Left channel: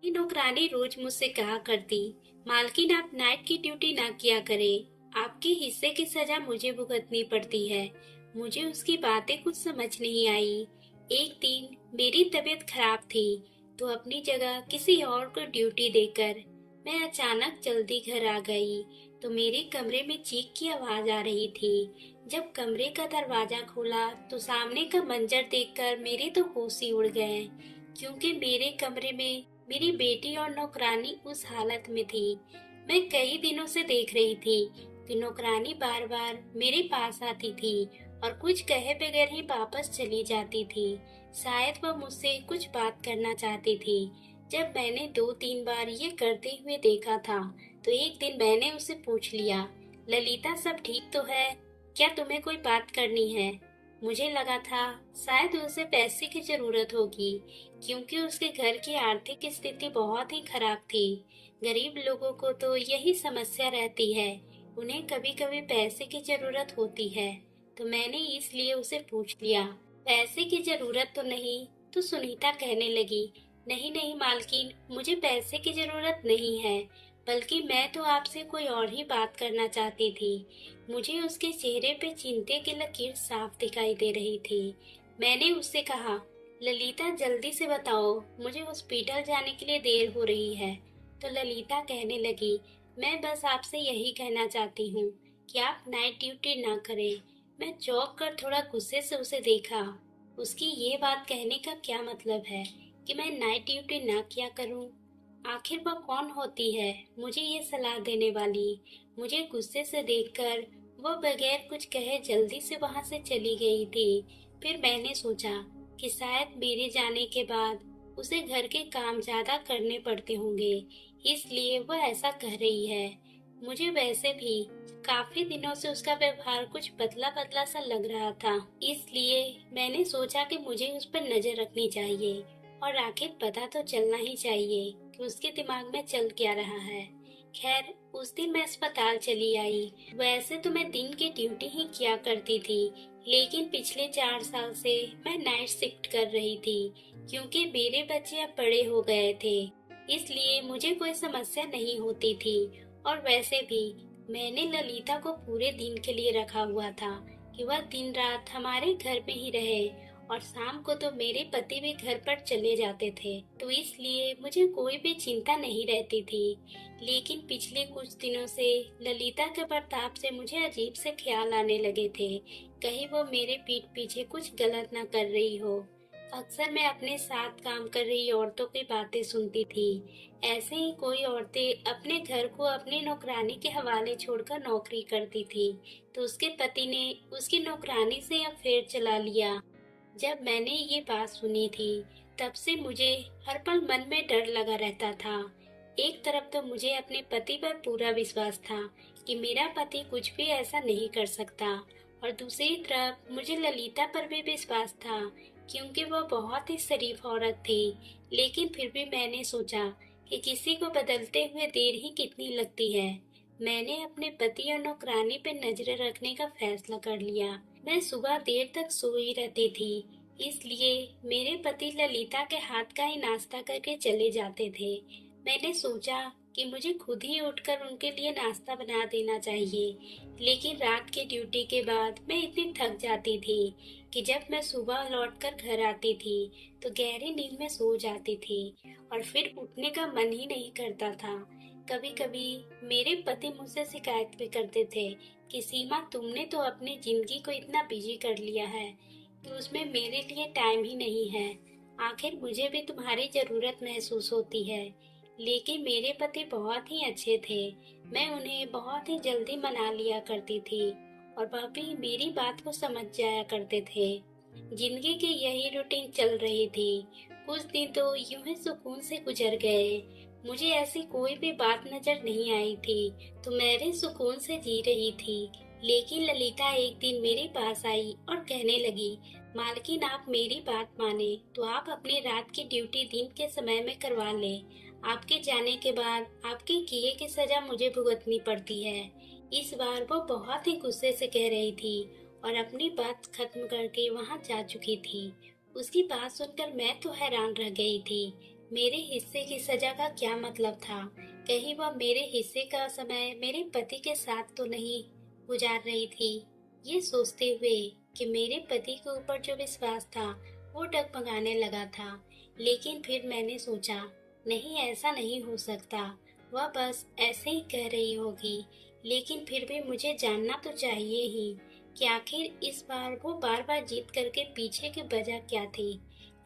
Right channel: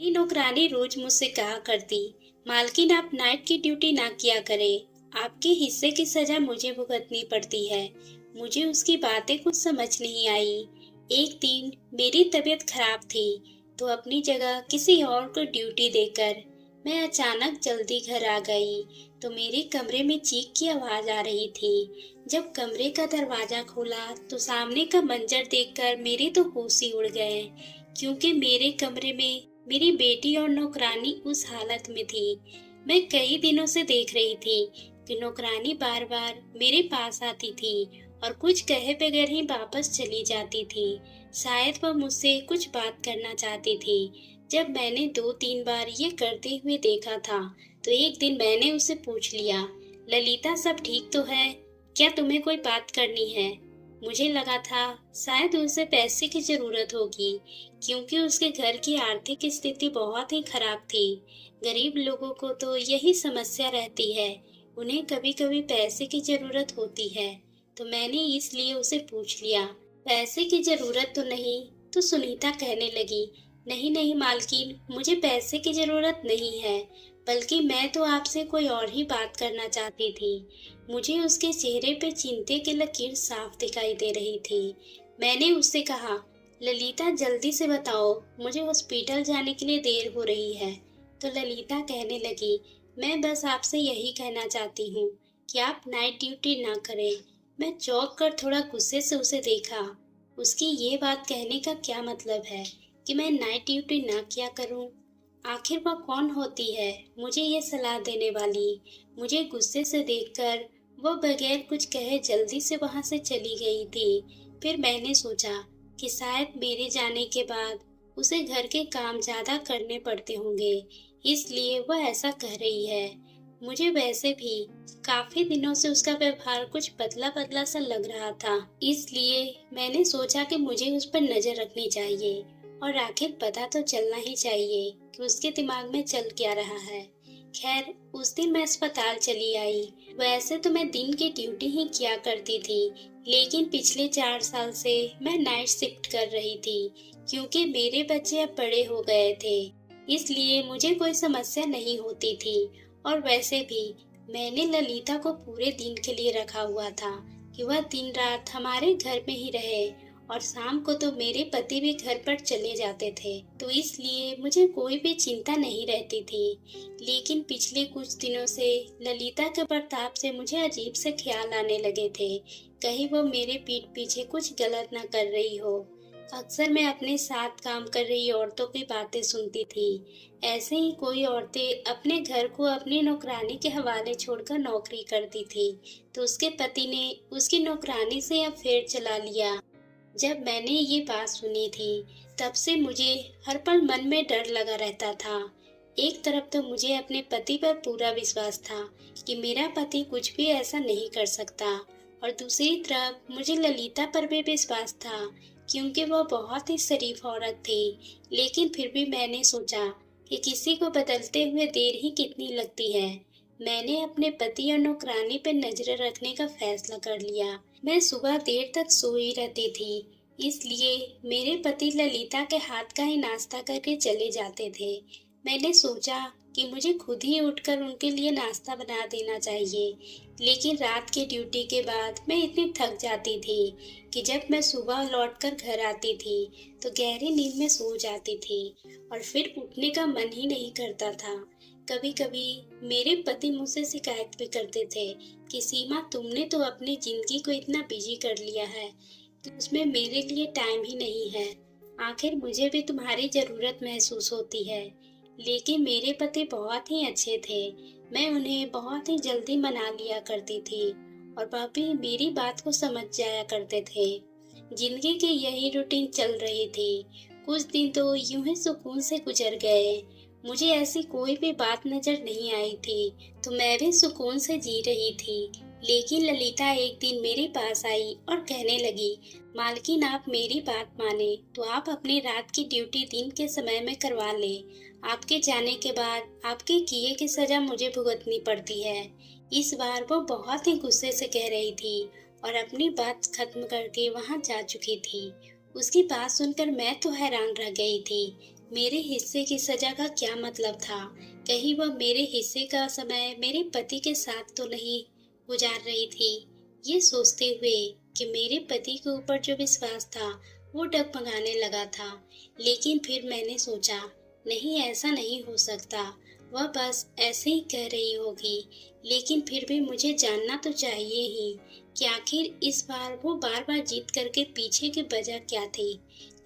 ये नौकरानी रोज मुझसे कहा करती, मालकिन आप नाइट की ड्यूटी ना किया करे, आपके हिस्से की सजा मुझे भुगतनी पड़ती है। मुझे उसकी बातें कुछ समझ नहीं आई। एक दिन मेरी तबीयत खराब थी, तो अपनी जगह किसी और को ड्यूटी देकर मैं अचानक जल्दी घर आ गई। तो मेरे कमरे में चीख की आवाज आ रही थी। जब कमरे का दरवाजा खोला तो सामने का मंजर देखकर मेरे तो होश ही उड़ गए, क्योंकि मेरे कमरे में मेरी बेटी और नौकरानी उस हालत में थी। मैं कई दिनों से देख रही थी कि नौकरानी बार बार मेरे पास आती थी और कुछ कहे बगैर ही वापस चली जाती थी। शायद वह मुझसे कुछ बात करना चाहती थी। जब मैंने 2-3 बार ये करते हुए देखा था, तो एक दिन मैंने उसे पूछ लिया, ललिता सब ठीक तो है? क्या तुम्हें कोई बात करनी है? मुझे लगा था शायद उसे पैसे की जरूरत होगी, क्योंकि उसके घर की आर्थिक स्थिति बहुत ही खराब थी। गरीब लोगों को तो यही समस्या रहती है, उन्हें कभी कभी पैसे की जरूरत होती है। तो मैंने इसलिए उसे पूछ लिया, पैसे की जरूरत तो नहीं? तो सुनीता कहने लगी, नहीं नहीं मालकिन, मुझे पैसे की जरूरत नहीं है, बल्कि मैं तो आपसे कोई और ही बात करना चाहती थी। मुझे उसके चेहरे पे चिंता की लकीर साफ दिखाई दे रही थी। मैंने उससे कहा, ललिता जल्दी से बताओ, मुझे हॉस्पिटल जाने के लिए देर हो रही है। तो ललिता कहने लगी, मैं बस आपसे यही कहना चाहती हूँ कि आप नाइट ड्यूटी ना करें। मैं चौंक कर थोड़ा गुस्से से उसे देखा। उसकी ये बात कहने का क्या मतलब है कि मैं नाइट ड्यूटी ना किया करूं? आखिर वह कौन होती है मुझे ये सलाह देने वाली? मुझे गुस्से से देखकर वह बगैर कुछ कहे जल्दी से वहां से चली गई थी। फिर मैंने सोचा कि शायद मेरे जाने के बाद उसे घर के काम ज्यादा करने पड़ते होंगे, इसलिए वह ऐसा कह रही है। मुझे वैसे भी काफी दिनों से उसका व्यवहार कुछ बदला बदला सा लग रहा था, इसलिए मैंने सोचा कि मुझे उस पर नजर रखनी चाहिए और आखिर पता तो चलना ही चाहिए कि उसके दिमाग में चल क्या रहा है। खैर, उस दिन मैं अस्पताल चली आई। वैसे तो मैं दिन की ड्यूटी ही किया करती थी, लेकिन पिछले 4 साल से मैं नाइट शिफ्ट कर रही थी, क्योंकि मेरे बच्चे अब बड़े हो गए थे, इसलिए मुझे कोई समस्या नहीं होती थी। और वैसे भी मैंने ललिता को पूरे दिन के लिए रखा हुआ था कि वह दिन रात हमारे घर में ही रहे, और शाम को तो मेरे पति भी घर पर चले जाते थे, तो इसलिए मुझे कोई भी चिंता नहीं रहती थी। लेकिन पिछले कुछ दिनों से ललिता के बर्ताव से मुझे अजीब से ख्याल आने लगे थे, कहीं वो मेरे पीठ पीछे कुछ गलत ना कर रही हो। अक्सर मैं अपने साथ काम कर रही औरतों की बातें सुनती थी। ऐसे ही कोई औरतें अपने घर को अपनी नौकरानी के हवाले छोड़कर नौकरी करती थी, तो उसके पति ने उसकी नौकरानी से अफेयर चला लिया। जब मैंने ये बात सुनी थी, तब से मुझे हर पल मन में डर लगा रहता था। एक तरफ तो मुझे अपने पति पर पूरा विश्वास था कि मेरा पति कुछ भी ऐसा नहीं कर सकता, और दूसरी तरफ मुझे ललिता पर भी विश्वास था, क्योंकि वह बहुत ही शरीफ औरत थी। लेकिन फिर भी मैंने सोचा कि किसी को बदलते हुए देर ही कितनी लगती है। मैंने अपने पति और नौकरानी पर नजर रखने का फैसला कर लिया। मैं सुबह देर तक सोई रहती थी, इसलिए मेरे पति ललिता के हाथ का ही नाश्ता करके चले जाते थे। मैंने सोचा कि मुझे खुद ही उठकर उनके लिए नाश्ता बना देना चाहिए, लेकिन रात की ड्यूटी के बाद मैं इतनी थक जाती थी कि जब मैं सुबह लौटकर घर आती थी तो गहरी नींद में सो जाती थी, और फिर उठने का मन ही नहीं करता था। कभी कभी मेरे पति मुझसे शिकायत भी करते थे कि सीमा, तुमने तो अपनी जिंदगी को इतना बिजी कर लिया है कि उसमें मेरे लिए टाइम ही नहीं है। आखिर मुझे भी तुम्हारी जरूरत महसूस होती है। लेकिन मेरे पति बहुत ही अच्छे थे। मैं उन्हें बहुत ही जल्दी मना लिया करती थी, और वह भी मेरी बात को समझ जाया करते थे। जिंदगी की यही रूटीन चल रही थी। कुछ दिन तो यूं ही सुकून से गुजर गए। मुझे ऐसी कोई भी बात नजर नहीं आई थी, तो मैं भी सुकून से जी रही थी। लेकिन ललिता एक दिन मेरे पास आई और कहने लगी, मालकिन आप मेरी बात माने तो आप अपनी रात की ड्यूटी दिन के समय में करवा ले। आपके जाने के बाद आपके किए की सजा मुझे भुगतनी पड़ती है। इस बार वो बहुत ही गुस्से से कह रही थी और अपनी बात खत्म करके वहां जा चुकी थी। उसकी बात सुनकर मैं तो हैरान रह गई थी। मेरे हिस्से की सजा का क्या मतलब था? कहीं वह मेरे हिस्से का समय मेरे पति के साथ तो नहीं गुजार रही थी? ये सोचते हुए कि मेरे पति के ऊपर जो विश्वास था वो डगमगाने लगा था। लेकिन फिर मैंने सोचा, नहीं, ऐसा नहीं हो सकता। वह बस ऐसे ही कह रही होगी। लेकिन फिर भी मुझे जानना तो चाहिए ही कि आखिर इस बार वो बार बार जीत करके पीछे की वजह क्या थी।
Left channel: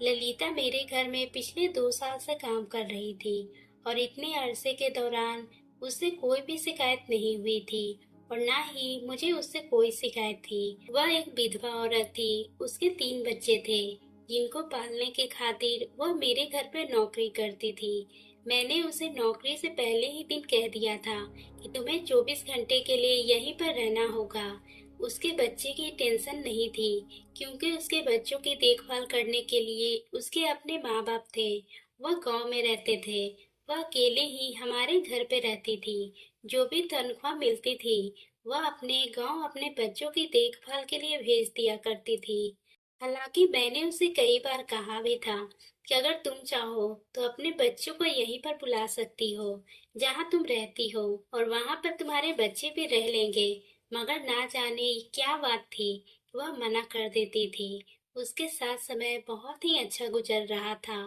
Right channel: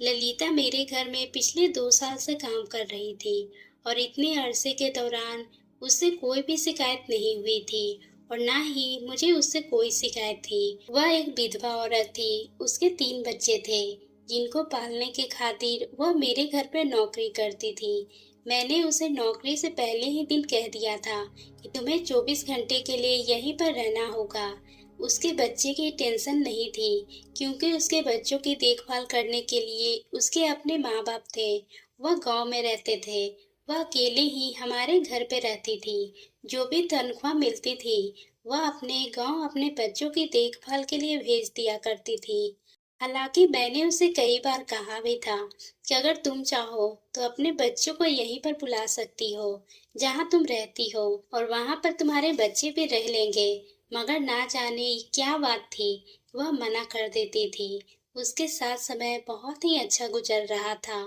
ललिता मेरे घर में पिछले 2 साल से काम कर रही थी और इतने अरसे के दौरान उससे कोई भी शिकायत नहीं हुई थी और ना ही मुझे उससे कोई शिकायत थी। वह एक विधवा औरत थी। उसके 3 बच्चे थे जिनको पालने के खातिर वह मेरे घर पर नौकरी करती थी। मैंने उसे नौकरी से पहले ही दिन कह दिया था कि तुम्हें 24 घंटे के लिए यहीं पर रहना होगा। उसके बच्चे की टेंशन नहीं थी क्योंकि उसके बच्चों की देखभाल करने के लिए उसके अपने माँ बाप थे। वह गांव में रहते थे। वह अकेले ही हमारे घर पे रहती थी। जो भी तनख्वाह मिलती थी वह अपने गांव अपने बच्चों की देखभाल के लिए भेज दिया करती थी। हालांकि मैंने उसे कई बार कहा भी था कि अगर तुम चाहो तो अपने बच्चों को यहीं पर बुला सकती हो जहाँ तुम रहती हो और वहाँ पर तुम्हारे बच्चे भी रह लेंगे। मगर ना जाने क्या बात थी, वह मना कर देती थी। उसके साथ समय बहुत ही अच्छा गुजर रहा था।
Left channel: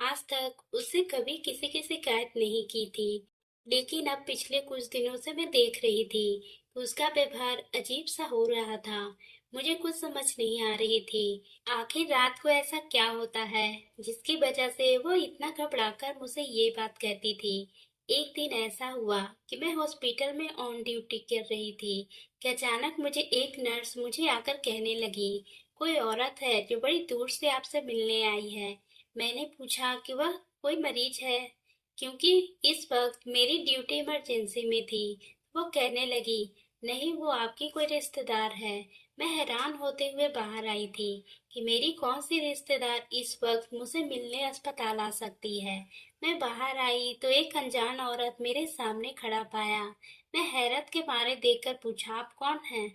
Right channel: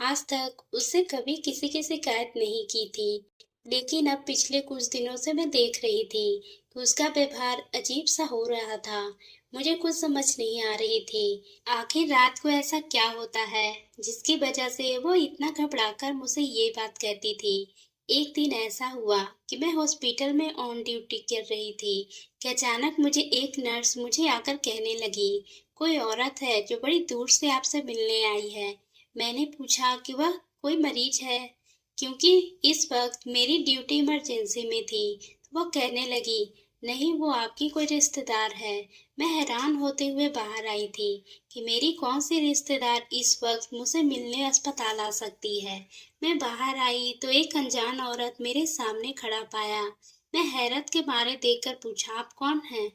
आज तक उससे कभी किसी की शिकायत नहीं की थी। लेकिन अब पिछले कुछ दिनों से मैं देख रही थी कि उसका व्यवहार अजीब सा हो रहा था। मुझे कुछ समझ नहीं आ रही थी। आखिर रात को ऐसा क्या होता है जिसकी वजह से वो इतना घबराकर मुझसे ये बात कहती थी। एक दिन ऐसा हुआ कि मैं हॉस्पिटल में ऑन ड्यूटी कर रही थी कि अचानक मुझे एक नर्स मुझे आकर कहने लगी, कोई औरत है जो बड़ी दूर से आपसे मिलने आई है। मैंने पूछा कि वह कोई मरीज है, क्योंकि इस वक्त मेरी ड्यूटी इमरजेंसी में थी। तो वह कहने लगी, नहीं, वो आपकी कोई रिश्तेदार है। मैं हैरान होते हुए बाहर आई थी कि मेरी कौन सी रिश्तेदार इस वक्त मुझसे मिलने अस्पताल आ सकती है। मैं बाहर आई तो एक अनजान औरत मेरे सामने खड़ा पाया। मैं हैरत के मारे देखकर पूछा, आप कौन हैं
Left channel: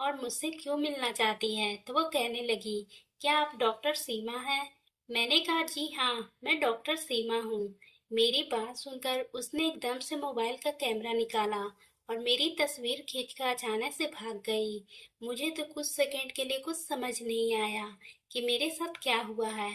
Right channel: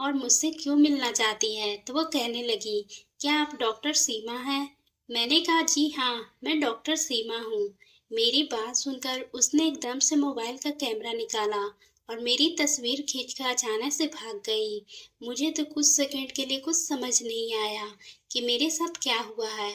और मुझसे क्यों मिलना चाहती है? तो वो कहने लगी, क्या आप डॉक्टर सीमा हैं? मैंने कहा, जी हाँ, मैं डॉक्टर सीमा हूँ। मेरी बात सुनकर उसने एकदम से मोबाइल का कैमरा निकाला और मेरी तस्वीर खींचकर अचानक से भाग गई। मुझे तो कुछ सेकंड के लिए कुछ समझ नहीं आया कि मेरे साथ क्या हुआ है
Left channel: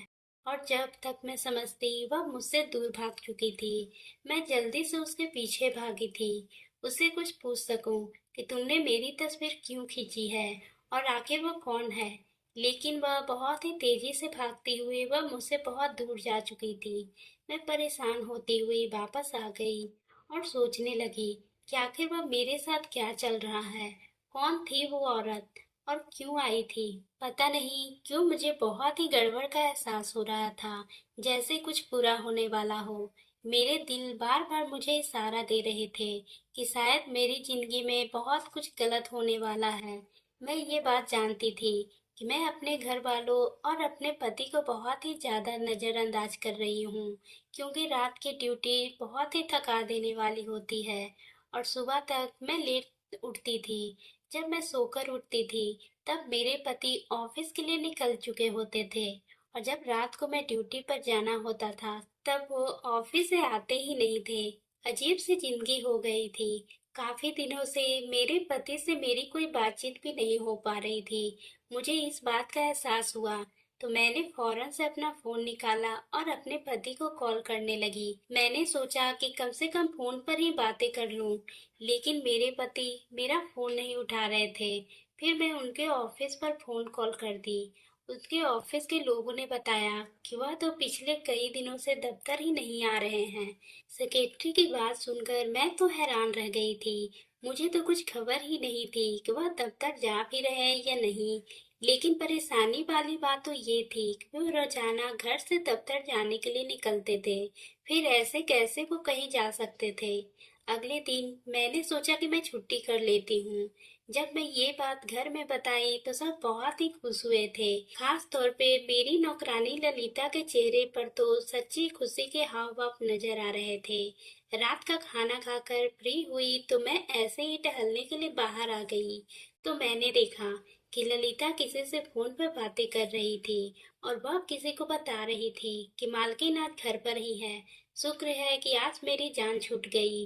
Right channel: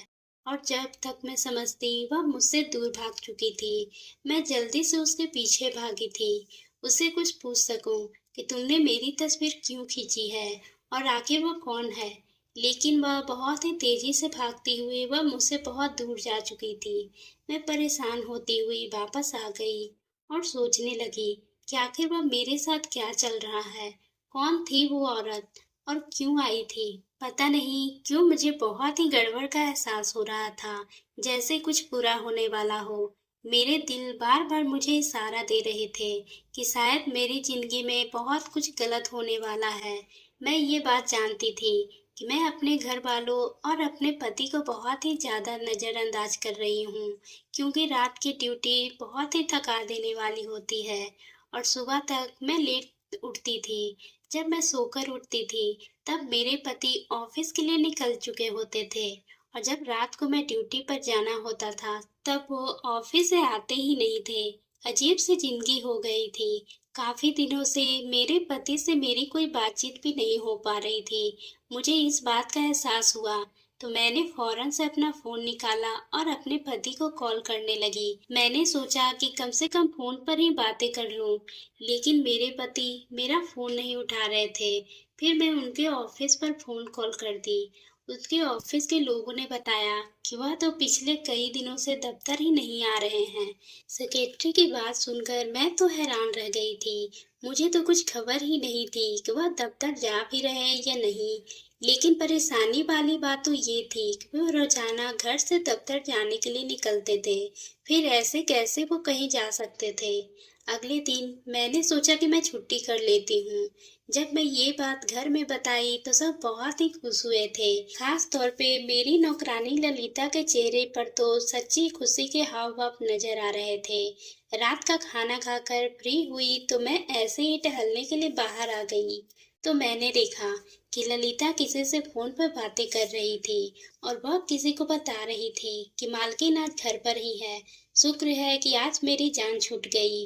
और जब तक मैं समझती वह मुझसे दूर भाग चुकी थी। मैं जल्दी से उसके पीछे भागी थी, उससे कुछ पूछ सकूं कि तुमने मेरी तस्वीर क्यों खींची है और आखिर वो कौन है। लेकिन वह बहुत ही तेजी से भागती हुई वह मुझसे बहुत दूर जा चुकी थी। मैं परेशान होती हुई वापस आ गई और सोचने लगी कि आखिर वह मेरे साथ क्या चल रहा है। कौन थी वो औरत और क्यों आई थी? पता नहीं क्यों मुझे बहुत ही गड़बड़ का एहसास हो रहा था, जैसे कुछ बुरा होने वाला हो। मेरे दिल बार बार मुझे इशारा दे रहे थे कि शायद मेरी जिंदगी में बहुत कुछ गलत होने वाला है। मैं ये बात जानती थी कि मैं अपने घर वालों और अपने पति को बहुत ही ज्यादा नजरअंदाज कर रही हूँ, क्योंकि रात की ड्यूटी बहुत ही थका देने वाली होती है और सुबह तक मैं लेट उठती थी। जब मैं सोकर उठती थी तब मेरे पति ऑफिस के लिए निकल चुके होते थे और जब रात को मैं ड्यूटी पर जाना होता था तब वो ऑफिस से आते ही नहीं थे। अजीब सी जिंदगी हो गई थी। काफी दिनों से मेरे पति से मेरी कोई बातचीत भी नहीं हो पा रही थी। मुझे इस बात का एहसास हुआ तो मैंने फौरन से अपना फोन निकाला और अपने पति को कॉल करने लगी। मैंने सोचा कि कम से कम फोन पर ही बातें कर लूं, लेकिन मेरे पति मेरा फोन नहीं उठा रहे थे। फिर मैं उनके ऑफिस पर फोन कॉल कर दी। उसके ऑफिस के लोगों ने बताया कि वह तो पिछले कई दिनों से दफ्तर ही नहीं आ रहे हैं। सेक्रेटरी की बात सुनकर मैं तो हैरान रह गई थी। मुझे तो कुछ खबर ही नहीं थी कि वह दफ्तर जा भी रहे हैं या नहीं। लेकिन परेशानी वाली बात तो ये थी कि वो रोजाना घर से दफ्तर जाने के लिए निकलते थे। फिर ऐसे कैसे वो कहीं जा सकते थे? अगले दिन मैंने सोचा कि मैं छुट्टी कर लेती हूँ। जब मैं ये बात घर में बताई तो सब बहुत ही खुश हुए थे। खास तौर पे मेरी नौकरानी ललिता के चेहरे पर तो सच्ची खुशी के हाव भाव नजर आ रहे थे। रात का खाना खाकर फ्री हुई तो मैं ऐसे ही टहलने के लिए बाहर आ गई तो मैंने देखा कि ललिता किसी से फोन पर बातें कर रही थी और वह किसी को बता रही थी कि मालकिन आज घर पर ही है। शुक्र है कि आज मेरी जान छूट गई,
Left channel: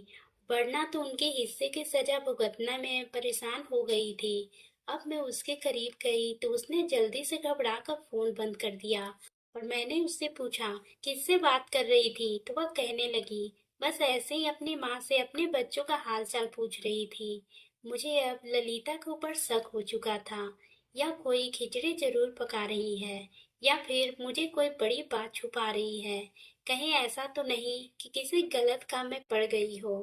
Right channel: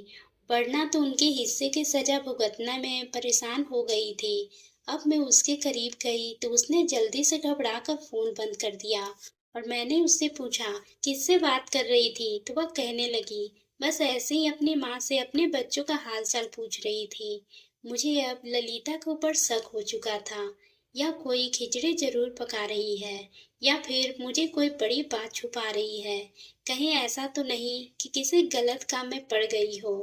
वरना तो उनके हिस्से की सजा भुगतना में परेशान हो गई थी। अब मैं उसके करीब गई तो उसने जल्दी से घबरा कर फोन बंद कर दिया और मैंने उससे पूछा किससे बात कर रही थी, तो वह कहने लगी बस ऐसे ही अपनी माँ से अपने बच्चों का हाल चाल पूछ रही थी। मुझे अब ललिता के ऊपर शक हो चुका था। या कोई खिचड़ी जरूर पका रही है, या फिर मुझे कोई बड़ी बात छुपा रही है। कहीं ऐसा तो नहीं कि किसी गलत काम में पड़ गई हो।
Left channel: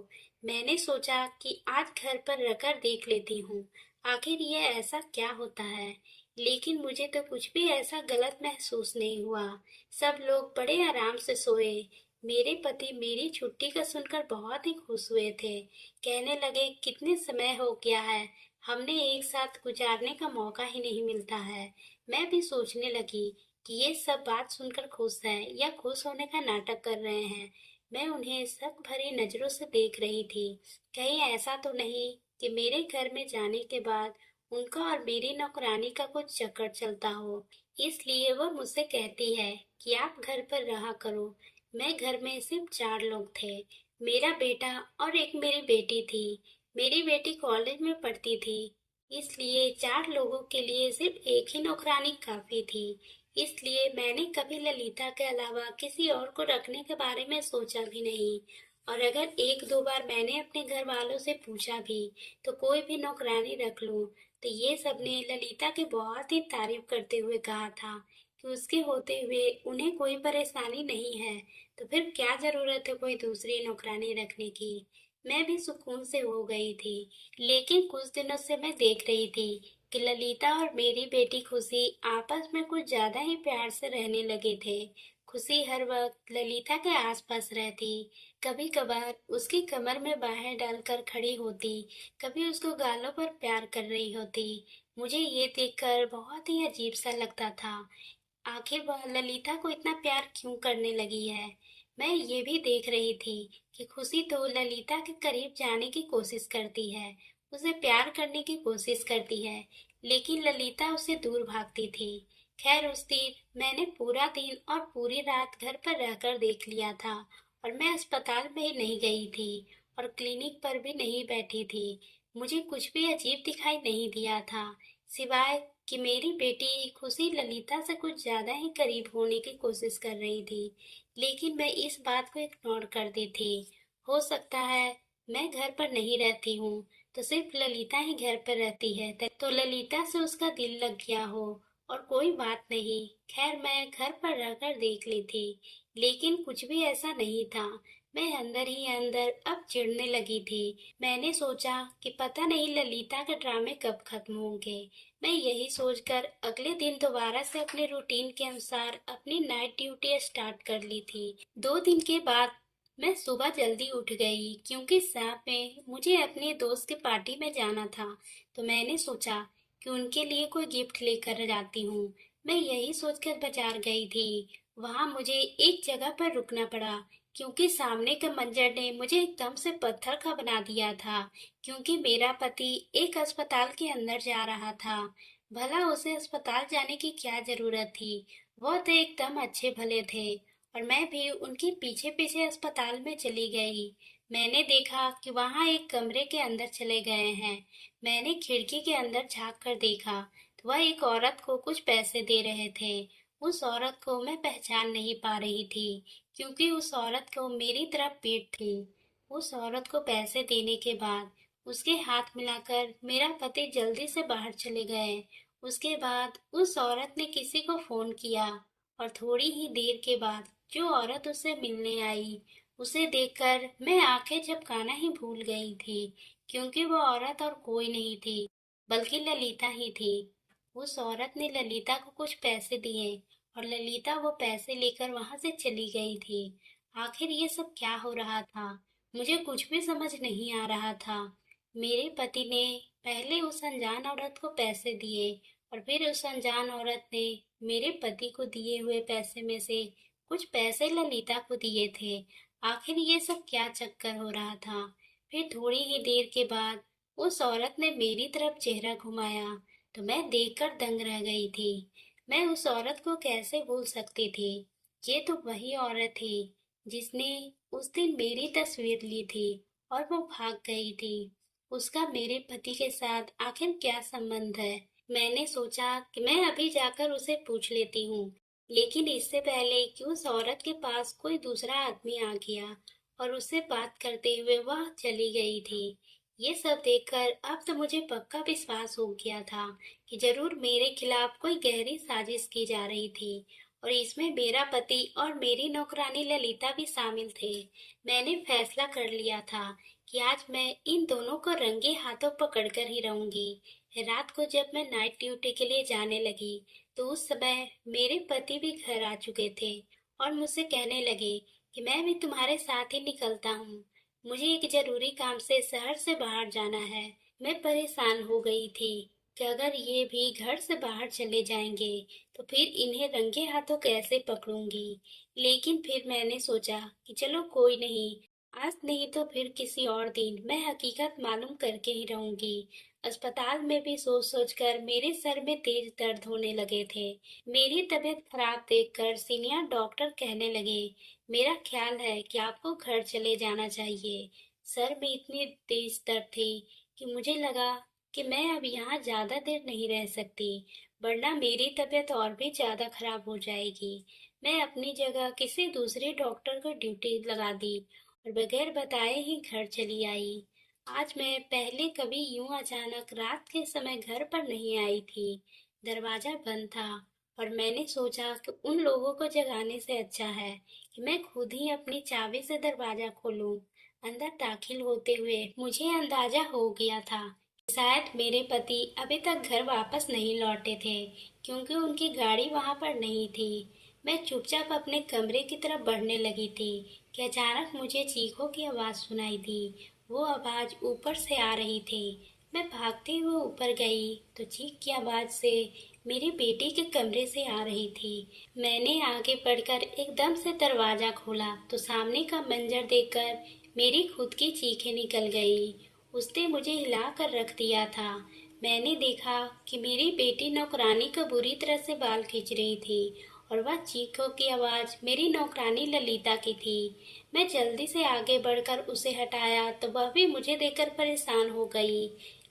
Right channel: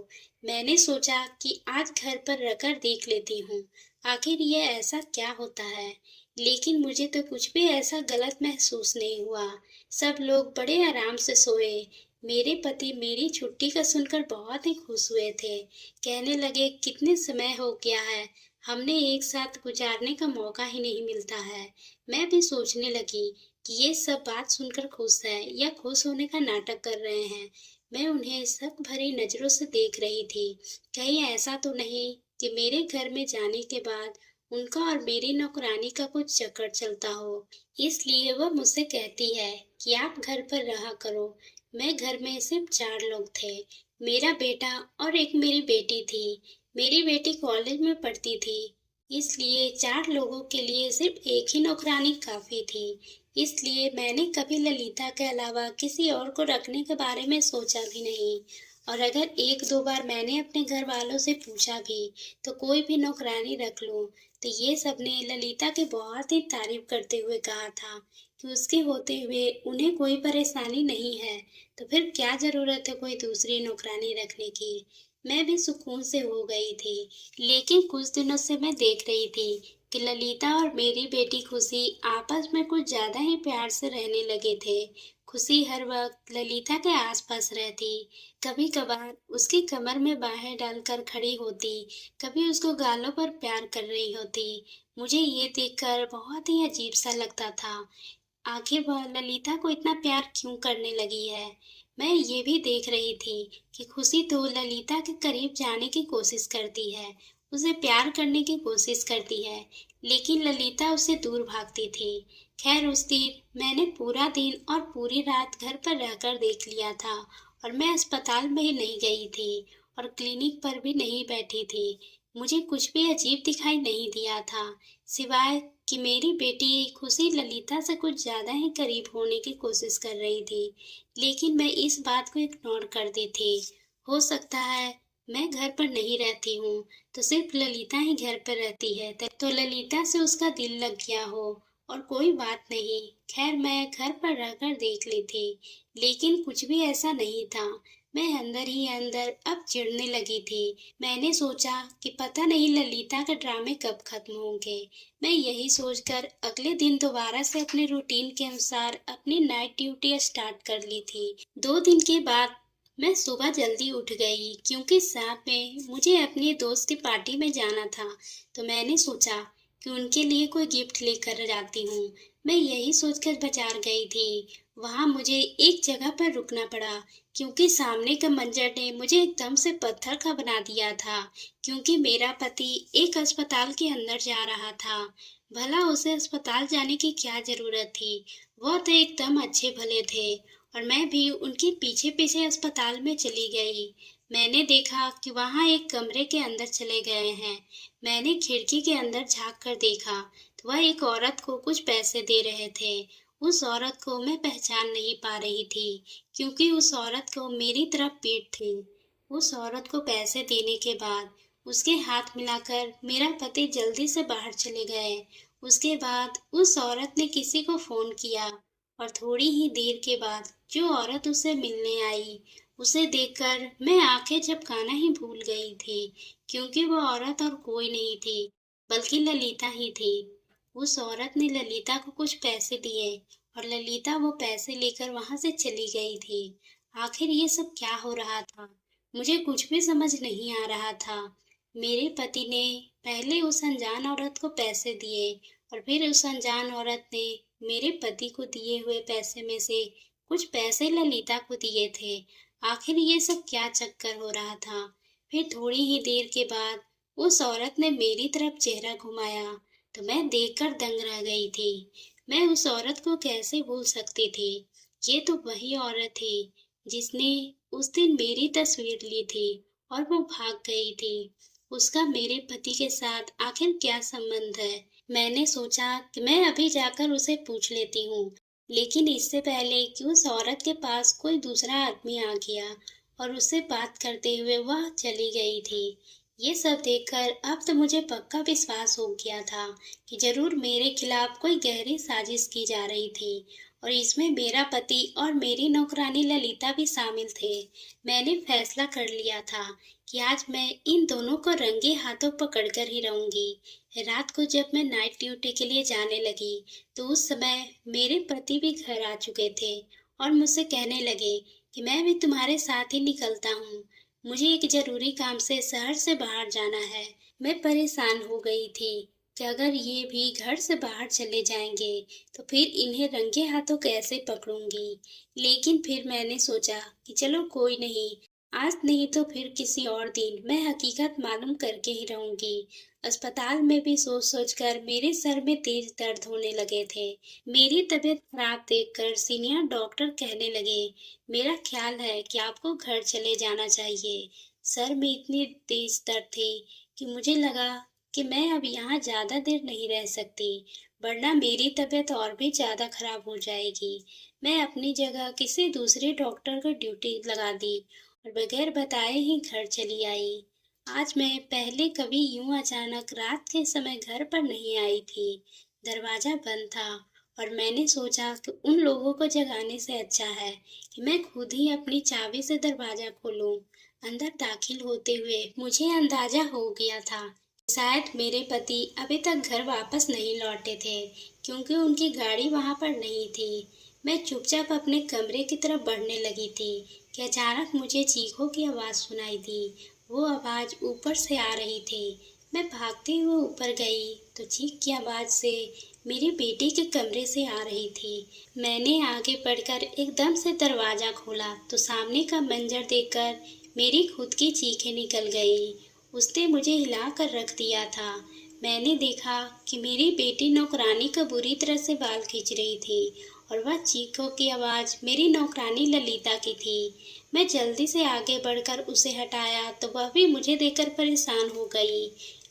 मैंने सोचा कि आज घर पर रखकर देख लेती हूँ, आखिर ये ऐसा क्या होता है। लेकिन मुझे तो कुछ भी ऐसा गलत महसूस नहीं हुआ। सब लोग बड़े आराम से सोए। मेरे पति मेरी छुट्टी का सुनकर बहुत ही खुश हुए थे। कहने लगे कितने समय हो गया है, हमने एक साथ गुजारने का मौका ही नहीं मिलता है। मैं भी सोचने लगी कि ये सब बात सुनकर खुश है या खुश होने का नाटक कर रहे हैं। मैं उन्हें शक भरी नजरों से देख रही थी। कहीं ऐसा तो नहीं कि मेरे घर में जाने के बाद उनका और मेरी नौकरानी का कुछ चक्कर चलता हो। इसलिए वह मुझसे कहती है कि आप घर पर रहा करो। मैं घर में सिर्फ 4 लोग थे, मेरा बेटा और एक मेरी बेटी थी। मेरी बेटी कॉलेज में पढ़ती थी, इसलिए 4 लोगों के लिए सिर्फ एक ही नौकरानी काफी थी। इसलिए मैंने कभी ललिता के अलावा किसी और को रखने के बारे में सोचा भी नहीं। और अगर एक दो बार मैंने अपने घर वालों से पूछा भी तो कोई भी नौकरानी रख लूं, तो ये सबने ललिता की बहुत ही तारीफ करते हुए कहा था कि उसके होते हुए उन्हें कोई परेशानी नहीं है, तो फिर क्या जरूरत है कोई दूसरी नौकरानी रखने की। मैं भी सुकून से हो गई थी। लेकिन कुछ दिनों से मैं देख रही थी कि ललिता और मेरी बेटी खुशी आपस में कुछ ज्यादा ही प्यार से रहने लगे थे। खुशी हर वक्त ललिता के आसपास रहती, कभी कभार उसकी कमर में बाहें डालकर खड़ी होती, कभी उसको गालों पर प्यार कर रही होती। मुझे ये देखकर बहुत ही अजीब सा लगता था। आखिर वह ललिता को इतना प्यार क्यों करने लगी है। मैं ये भी देख रही थी कि खुशी तो ललिता के करीब जाने की कोशिश करती है, उसे प्यार करने की कोशिश करती है, लेकिन ललिता उससे दूर भागती थी। खैर उस दिन मैंने पूरा दिन और पूरी रात घर पर रहकर देख लिया था और मैं अस्पताल में ही नहीं गई थी और क्लिनिक पर भी नहीं बैठी थी। मुझे कुछ भी अजीब दिखाई नहीं दिया था, सिवाय कि मेरी बेटी खुशी ललिता से कुछ ज्यादा ही करीब होने की कोशिश कर रही थी। लेकिन मैं इस बात को इग्नोर कर दी थी। हो सकता है मैं घर पर नहीं रहती हूँ तो सिर्फ ललिता ही घर पर रहती है, तो ललिता से उसका दिल लग गया हो और कोई बात नहीं। खैर मैं घर पर रहकर देख ली थी, लेकिन कुछ भी ऐसा नहीं था। मैं अंदर ही अंदर अब चिढ़ने लगी थी। मैंने सोचा कि पता नहीं ललिता के ड्रामे कब खत्म होंगे। मैं यही सोचकर अगले दिन दोबारा से अपने रूटीन के अनुसार अपनी नाइट ड्यूटी स्टार्ट कर ली थी। 2 दिन के बाद मैं सुबह जल्दी उठ गई क्योंकि शाम में मुझे अपने दोस्त की पार्टी में जाना था। तो मैंने सोचा कि उनके लिए कोई गिफ्ट लेकर जाती हूँ। मैं यही सोचकर बाजार गई थी। वहाँ मुझे एक जगह पर रुकना पड़ा क्योंकि सामने का मंजर ने मुझे एकदम से पत्थर का बना दिया था। क्योंकि मेरा पति एक अस्पताल के अंदर जा रहा था। भला उसे अस्पताल जाने की क्या जरूरत थी, वो तो एकदम अच्छे भले थे। और मैं भी उनके पीछे पीछे अस्पताल में चली गई। मैंने देखा कि वहाँ एक कमरे के अंदर चले गए हैं। मैंने खिड़की के अंदर झांक कर देखा तो वह एक औरत को कुछ पैसे दे रहे थे। उस औरत को मैं पहचान नहीं पा रही थी क्योंकि उस औरत को मेरी तरफ पीठ थी। उस औरत को पैसे देने के बाद उसके हाथ मिलाकर मेरा पति जल्दी से बाहर चले गए। उसके बाद उस औरत ने किसी को फोन किया और थोड़ी ही देर के बाद जो औरत उसे मिलने आई, उसे देखकर मैं आंखें झपकाना ही भूल गई थी क्योंकि वो औरत और कोई नहीं थी बल्कि ललिता ही थी। उस औरत ने ललिता को कुछ पैसे दिए और ललिता वो पैसे लेकर वहां से चली गई थी। आखिर ये सब क्या हो रहा था, मुझे कुछ भी समझ नहीं आ रहा था। मेरे पति ने पहले उस अनजान औरत को पैसे दिए और फिर उस अनजान औरत ने मेरे पति को दिए हुए पैसे में से कुछ पैसे ललिता को दिए थे। आखिर ये सब क्या चक्कर हो रहा था। फिर थोड़ी ही देर के बाद उस औरत ने मेरी तरफ चेहरा घुमाया तो मैं देखकर दंग रह गई थी। मैं उस औरत को कैसे भूल सकती थी। ये तो वही औरत थी जिसने उस दिन मेरी तस्वीर ली थी और वो भाग गई थी। उसका मेरे पति के साथ आखिर क्या संबंध है? मैंने सोचा कि मैं अभी जाकर उसे पूछ लेती हूँ, लेकिन इससे पहले कि उस औरत के पास कोई दूसरा आदमी आ गया और उससे बात करते हुए वह चली गई थी। ये सब देखकर अब तो मुझे पक्का विश्वास हो गया था कि जरूर मेरे खिलाफ कोई गहरी साजिश की जा रही थी और इसमें मेरा पति और मेरी नौकरानी ललिता भी शामिल थे। मैंने फैसला कर लिया था कि आज मैं इन दोनों को रंगे हाथों पकड़कर ही रहूंगी। रात को जब मैं नाइट ड्यूटी के लिए जाने लगी तो उस समय मेरे पति भी घर आ चुके थे और मुझसे कहने लगे कि मैं भी तुम्हारे साथ ही निकलता हूँ। मुझे एक जरूरी काम से शहर से बाहर जाना है। मैं परेशान हो गई थी कि अगर ये भी घर से बाहर चले जाएंगे तो फिर इन्हें रंगे हाथों कैसे पकड़ूंगी। लेकिन फिर मैंने सोचा कि चलो कोई नहीं, आज नहीं तो फिर किसी और दिन मैं हकीकत मालूम करके ही रहूंगी। अस्पताल में भी सोच सोच कर मेरे सर में तेज दर्द होने लगे थे। मेरी तबीयत खराब देखकर सीनियर डॉक्टर कहने लगे, मेरा ख्याल है कि आपको घर चले जाना चाहिए। सर में इतनी तेज दर्द थी कि मुझे लगा कि मैं अब यहाँ ज्यादा देर नहीं रह सकती, वरना मेरी तबीयत और भी ज्यादा खराब हो जाएगी। मैं अपनी जगह किसी दूसरे डॉक्टर को ड्यूटी लगा दी और बगैर बताए ही घर चली आई। आज मैं पहले कभी यूं अचानक रात के समय घर पर नहीं आई थी। दरवाजा बंद था और मैंने सोचा कि उन लोगों को जगाने से अच्छा है कि मैं खुद ही अपनी चाबी से दरवाजा खोलूं। अंदर दाखिल होते हुए मुझे अंदाजा हो गया था कि शायद मेरे पति अभी तक घर वापस नहीं लौटे थे, क्योंकि उनकी गाड़ी वहां पर नहीं थी। मैं चुपचाप अपने कमरे की तरफ बढ़ने लगी थी कि अचानक मुझे चीखों की आवाज सुनाई दी। वो आवाज ऊपर से आ रही थी। मैं भागते हुए ऊपर गई तो चीख की आवाज से मेरी बेटी के कमरे से आ रही थी। मैंने आगे बढ़कर एकदम से दरवाजा खोला तो सामने का मंजर देखकर मेरी खुद की चीखें निकल गई। उसने मुझे हिला कर रख दिया था। मैंने देखा कि मेरी बेटी नौकरानी का बुरी तरह से बाल खींच रही थी और वह चीखों की आवाज मेरी नौकरानी ललिता की थी। मैं जल्दी से आगे बढ़कर उसे हटाया तो वह भी मुझे देखकर परेशान हो गई।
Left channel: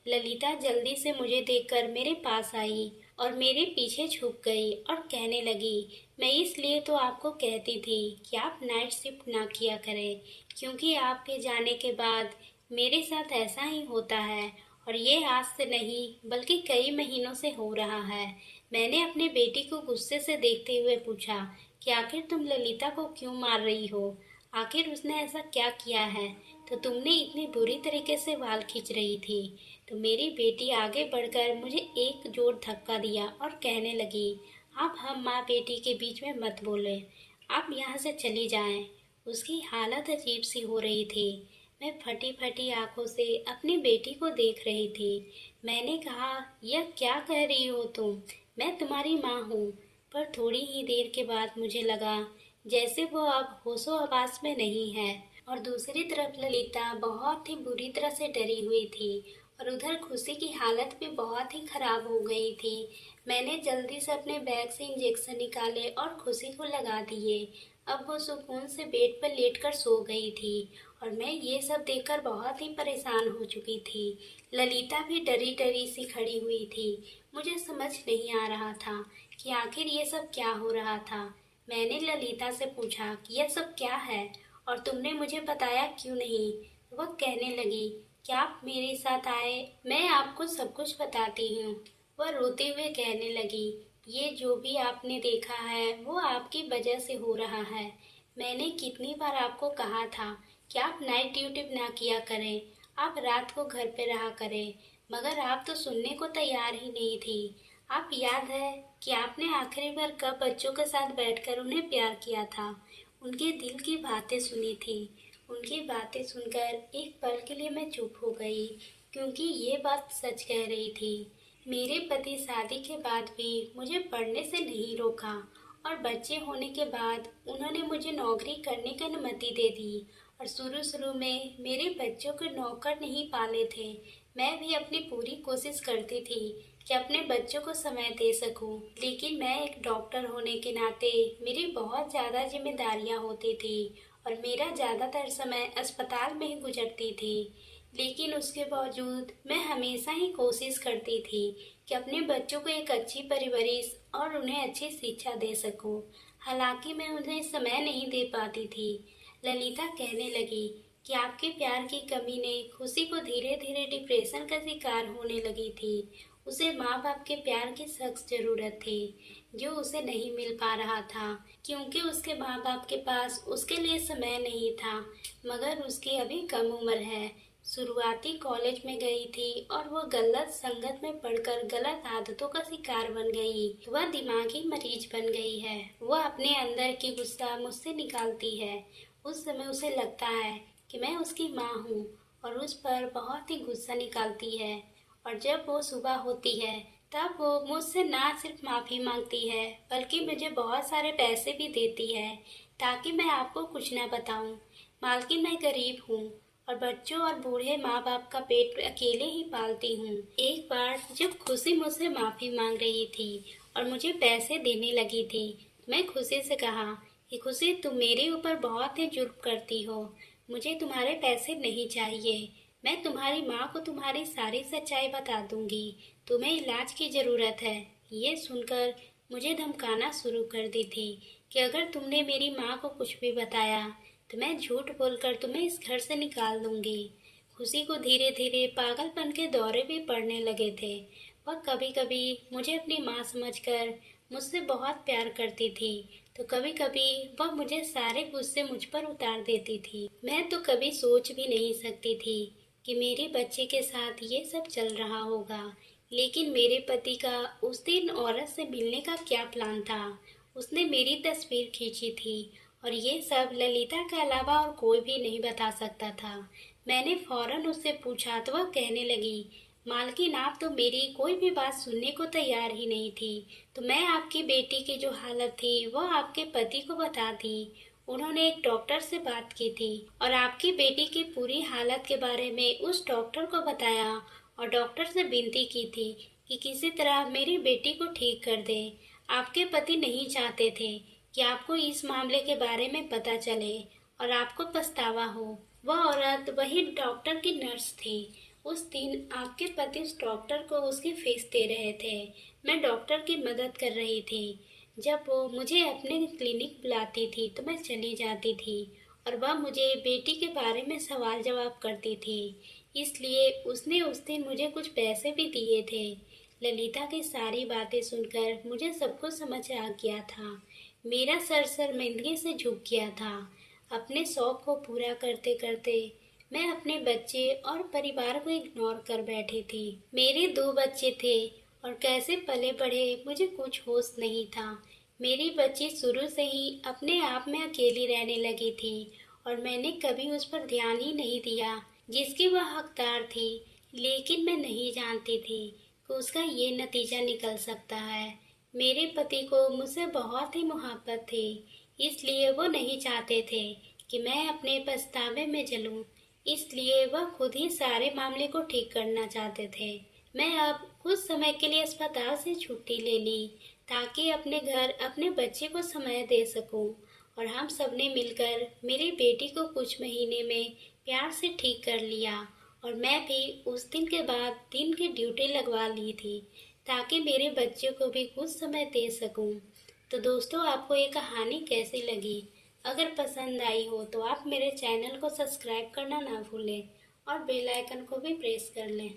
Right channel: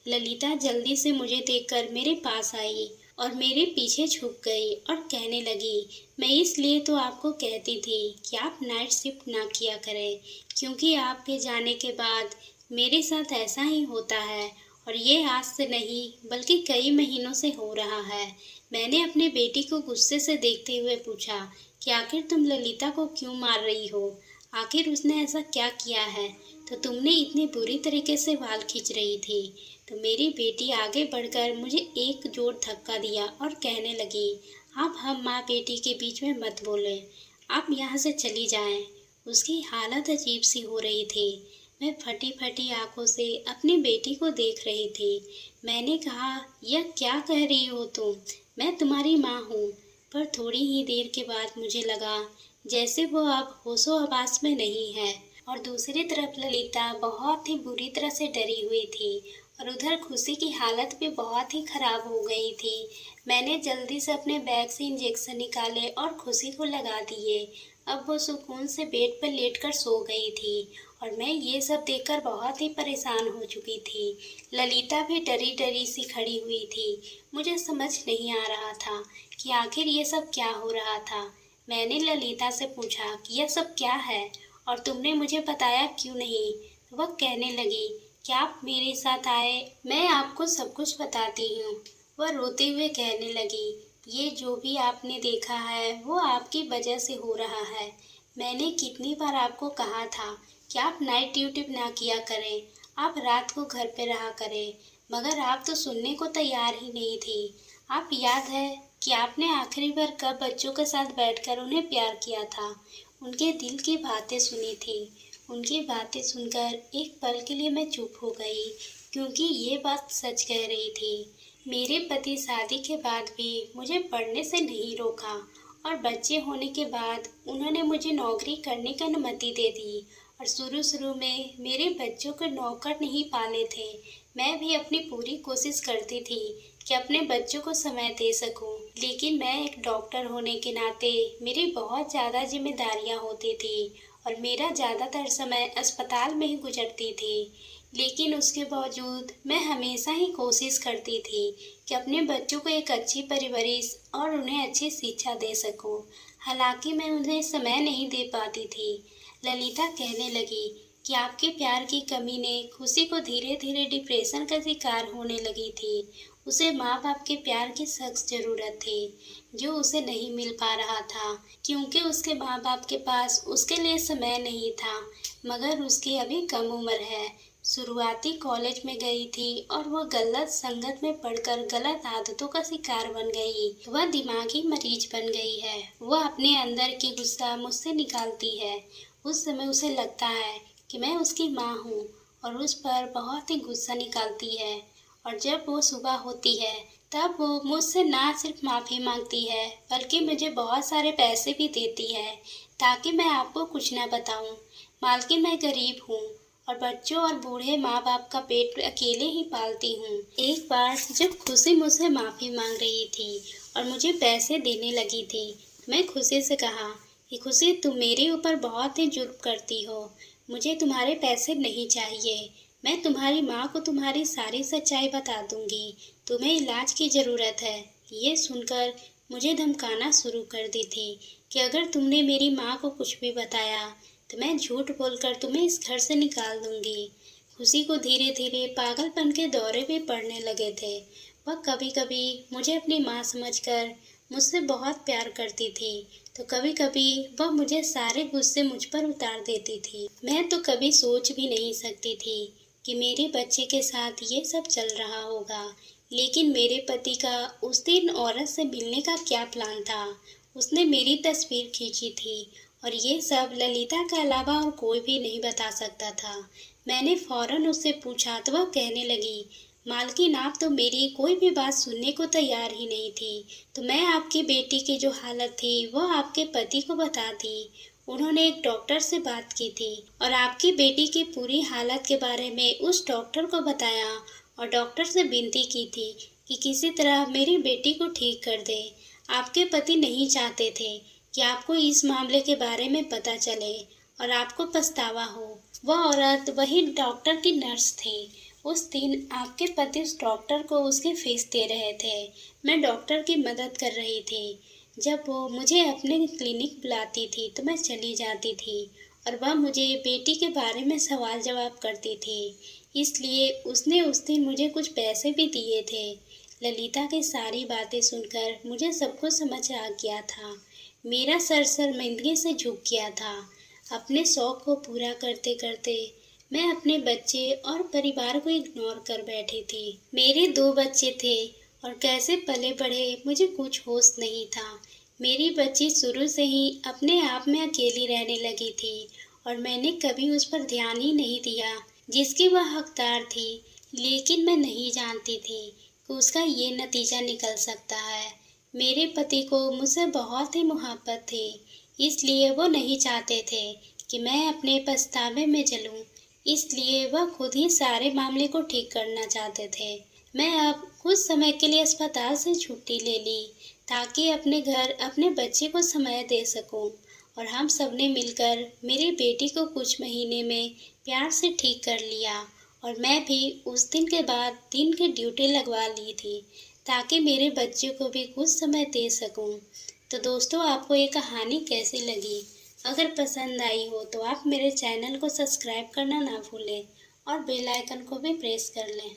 ललिता जल्दी से मुझे देखकर मेरे पास आई और मेरे पीछे छुप गई और कहने लगी, मैं इसलिए तो आपको कहती थी कि आप नाइट शिफ्ट ना किया करें, क्योंकि आपके जाने के बाद मेरे साथ ऐसा ही होता है और ये आज से नहीं बल्कि कई महीनों से हो रहा है। मैंने अपनी बेटी को गुस्से से देखते हुए पूछा कि आखिर तुम ललिता को क्यों मार रही हो? आखिर उसने ऐसा क्या किया है तो तुमने इतनी बुरी तरीके से बाल खींच रही थी? तो मेरी बेटी आगे बढ़कर मुझे एक जोर धक्का दिया और कहने लगी, आप हम माँ बेटी के बीच में मत बोलें, आप यहाँ से चली जाएं। उसकी हालत अजीब सी हो रही थी। मैं फटी फटी आंखों से अपनी बेटी को देख रही थी। मैंने कहा, यह क्या कह रही हो तुम? मैं तुम्हारी माँ हूँ। पर थोड़ी ही देर के बाद मुझे लगा जैसे वो अब होशो हवास में नहीं है। और दूसरी तरफ ललिता बहुत ही बुरी तरह से डरी हुई थी और उधर खुशी की हालत भी बहुत ही खराब हो गई थी। मैंने जल्दी से अपने बैग से इंजेक्शन निकाले और खुशी को लगा दिए। अब वो सुकून से बेड पर लेटकर सो गई थी और मैं ये सब देखकर बहुत ही परेशान हो चुकी थी। ललिता भी डरी डरी सी खड़ी हुई थी। मुझे समझ नहीं आ रहा था कि आखिर ये सब क्या हो रहा था। मैंने ललिता से पूछा कि यह सब क्या है और तुमने मुझे बताया क्यों नहीं? तो वह कहने लगी कि आप मेरे साथ आए, मैं आपको सब कुछ बताती हूँ। वह रोते हुए कहने लगी, ये जो भी आपने देखा है वो आपकी वजह से हो रहा है। मैंने कितनी बार आपको कहा था कि आप नाइट ड्यूटी ना किया करें, आप रात को घर पे रहा करें, मगर आप तो सुनने को तैयार ही नहीं थी। आप याद है कि आपने आखिरी बार कब बच्चों के साथ बैठकर उन्हें प्यार किया था, उनके दिल की बातें सुनी थी। उनकी बातें सुनकर एक पल के लिए मैं चुप हो गई, क्योंकि ये बात सच कह रही थी। मेरे पति शादी के बाद भी मुझे पढ़ने से नहीं रोका और बच्चे होने के बाद उन्होंने मुझे नौकरी करने की अनुमति दे दी। और शुरू शुरू में मेरे बच्चों को नौकर नहीं पाले थे। मैं भी अपनी पूरी कोशिश करती थी कि अपने बच्चों को समय दे सकूं। लेकिन मैं एक डॉक्टर होने के नाते मेरी बहुत ज़्यादा जिम्मेदारियां होती थी और मेरा ज़्यादातर समय अस्पताल में ही गुजरती थी। लेकिन उसके बावजूद मैं हमेशा ही कोशिश करती थी कि अपने बच्चों को एक अच्छी परवरिश और उन्हें अच्छी शिक्षा दे सकूं। हालांकि मैं उन्हें समय नहीं दे पाती थी। ललिता कहने लगी कि आपके प्यार की कमी ने खुशी को धीरे धीरे डिप्रेशन का शिकार होने लगी थी। उसे माँ बाप के प्यार की सख्त जरूरत थी, जो उसे नहीं मिल पा रहा था, क्योंकि उसके माँ बाप के पास उसके लिए समय नहीं था। मगर उसकी अभी कम उम्र है, शुरुआती कॉलेज में गई थी और वह गलत संगत में पढ़कर गलत आदतों का शिकार बन गई। वह दिमागी मरीज बन गई है। वह अपने अंदर की गुस्सा मुझसे निकालती है। उस समय उसे लगता है कि मैं उसकी माँ हूँ और उस पर बहुत ही गुस्सा निकालती है। और जब वो सुबह होती है तब वो मुझसे ना सिर्फ माफ़ी मांगती है, बल्कि मुझे बहुत सारे पैसे भी देती है ताकि मैं आपको कुछ न बताऊं। मालकिन, मैं गरीब हूँ और बच्चों और बूढ़े माँ बाप का पेट अकेले ही पालती हूँ। एक बार जब खुशी मुझसे माफ़ी मांग रही थी और मुझे पैसे देने लगी थी, मैं खुशी से कहा कि खुशी, तुम मेरे ऊपर बहुत ही जुल्म करती हो। मुझे तुम्हारे पैसे नहीं चाहिए। मैं तुम्हारी माँ को तुम्हारी सारी सच्चाई बता दूंगी। तुम्हें इलाज की ज़रूरत है। ये सुनकर मुझे धमकाना शुरू कर दी थी कि अगर तुमने मेरी माँ को कुछ भी बताया तो मैं झूठ बोलकर तुम्हें इस घर से निकाल दूंगी। खुशी को धीरे धीरे पागलपन के दौरे भी पड़ने लगे थे। वह कभी कभी मुझे अपनी माँ समझकर मुझसे बहुत प्यार करती थी, तो कभी कभी वह मुझे सारे गुस्से मुझ पर उतार देती थी। मैं तो कभी सोच भी नहीं सकती थी कि मेरे बच्चे के साथ ये सब चल रहा होगा। लेकिन मेरे पति का उस दिन औरत से मिलने का क्या प्लान था? उसने मेरी तस्वीर खींची थी और ये सब ललिता के अलावा और कोई भी नहीं बता सकता था। मैंने फौरन उससे पूछा तो वह कहने लगी, मालकिन, आप तो मेरी कोई भी बात सुनने को तैयार ही नहीं थी। तो मैं आपकी बेटी की जो हालत थी वह आपके पति को बता दी। उन्होंने एक डॉक्टर से बात की थी और आपकी बेटी की पूरी हालत के बारे में उस डॉक्टर को बताया और डॉक्टर से विनती की थी कि किसी तरह मेरी बेटी को ठीक कर दे। आपके पति नहीं चाहते थे कि आपको इस मामले के बारे में पता चले और आपको पछतावा हो। वह औरत वही डॉक्टर की नर्स थी। उस दिन आपके पति उस डॉक्टर को उसकी फीस दे रहे थे। मैं डॉक्टर की मदद कर रही थी। जब वो मुझे अपने क्लिनिक बुलाती थी तो मैं चली जाती थी और वह मुझे बेटी के बारे में सवाल जवाब करती थी। इसलिए उसने उस दिन मुझे कुछ पैसे भी दिए थे। ललिता की सारी बातें सुनकर मुझे सब कुछ समझ आ गया था। मेरा सर शर्मिंदगी से झुक गया था। अपने शौक को पूरा करते करते मैं अपने बच्चे और परिवार को इग्नोर कर बैठी थी। मेरे 2 बच्चे थे और कैसे पले बढ़े मुझे कुछ होश नहीं था। मेरी बच्ची शुरू से ही अपने आप में अकेली रहने लगी थी और मैंने कभी उस पर ध्यान ही नहीं दिया जिसकी वह हकदार थी। लेकिन मैं नहीं जानती थी कि उसका ये नतीजा निकल सकता है। मेरे पति को मुझसे बहुत ही मोहब्बत थी, इसलिए वो नहीं चाहते थे कि मैं अपने पछतावे में जलूं। इसलिए वह खुद ही सारे मामले को ठीक करना चाहते थे। मैं अब कुछ समय के लिए अस्पताल से छुट्टी ले ली ताकि अपने घर अपने बच्चे को समय दे सकूं और हम सबने मिलकर मेरी बेटी को कुछ महीने में प्यार से ठीक कर लिया और मैं भी उस दिन के बाद दिन की ड्यूटी लगवा ली थी ताकि मेरे बच्चे को भी कुछ समय दे सकूं। तो दोस्तों, आपको ये कहानी कैसी लगी? अगर पसंद आई हो तो आप मेरे चैनल को सब्सक्राइब करना ना भूलें और बेल आइकन को भी प्रेस कर लें।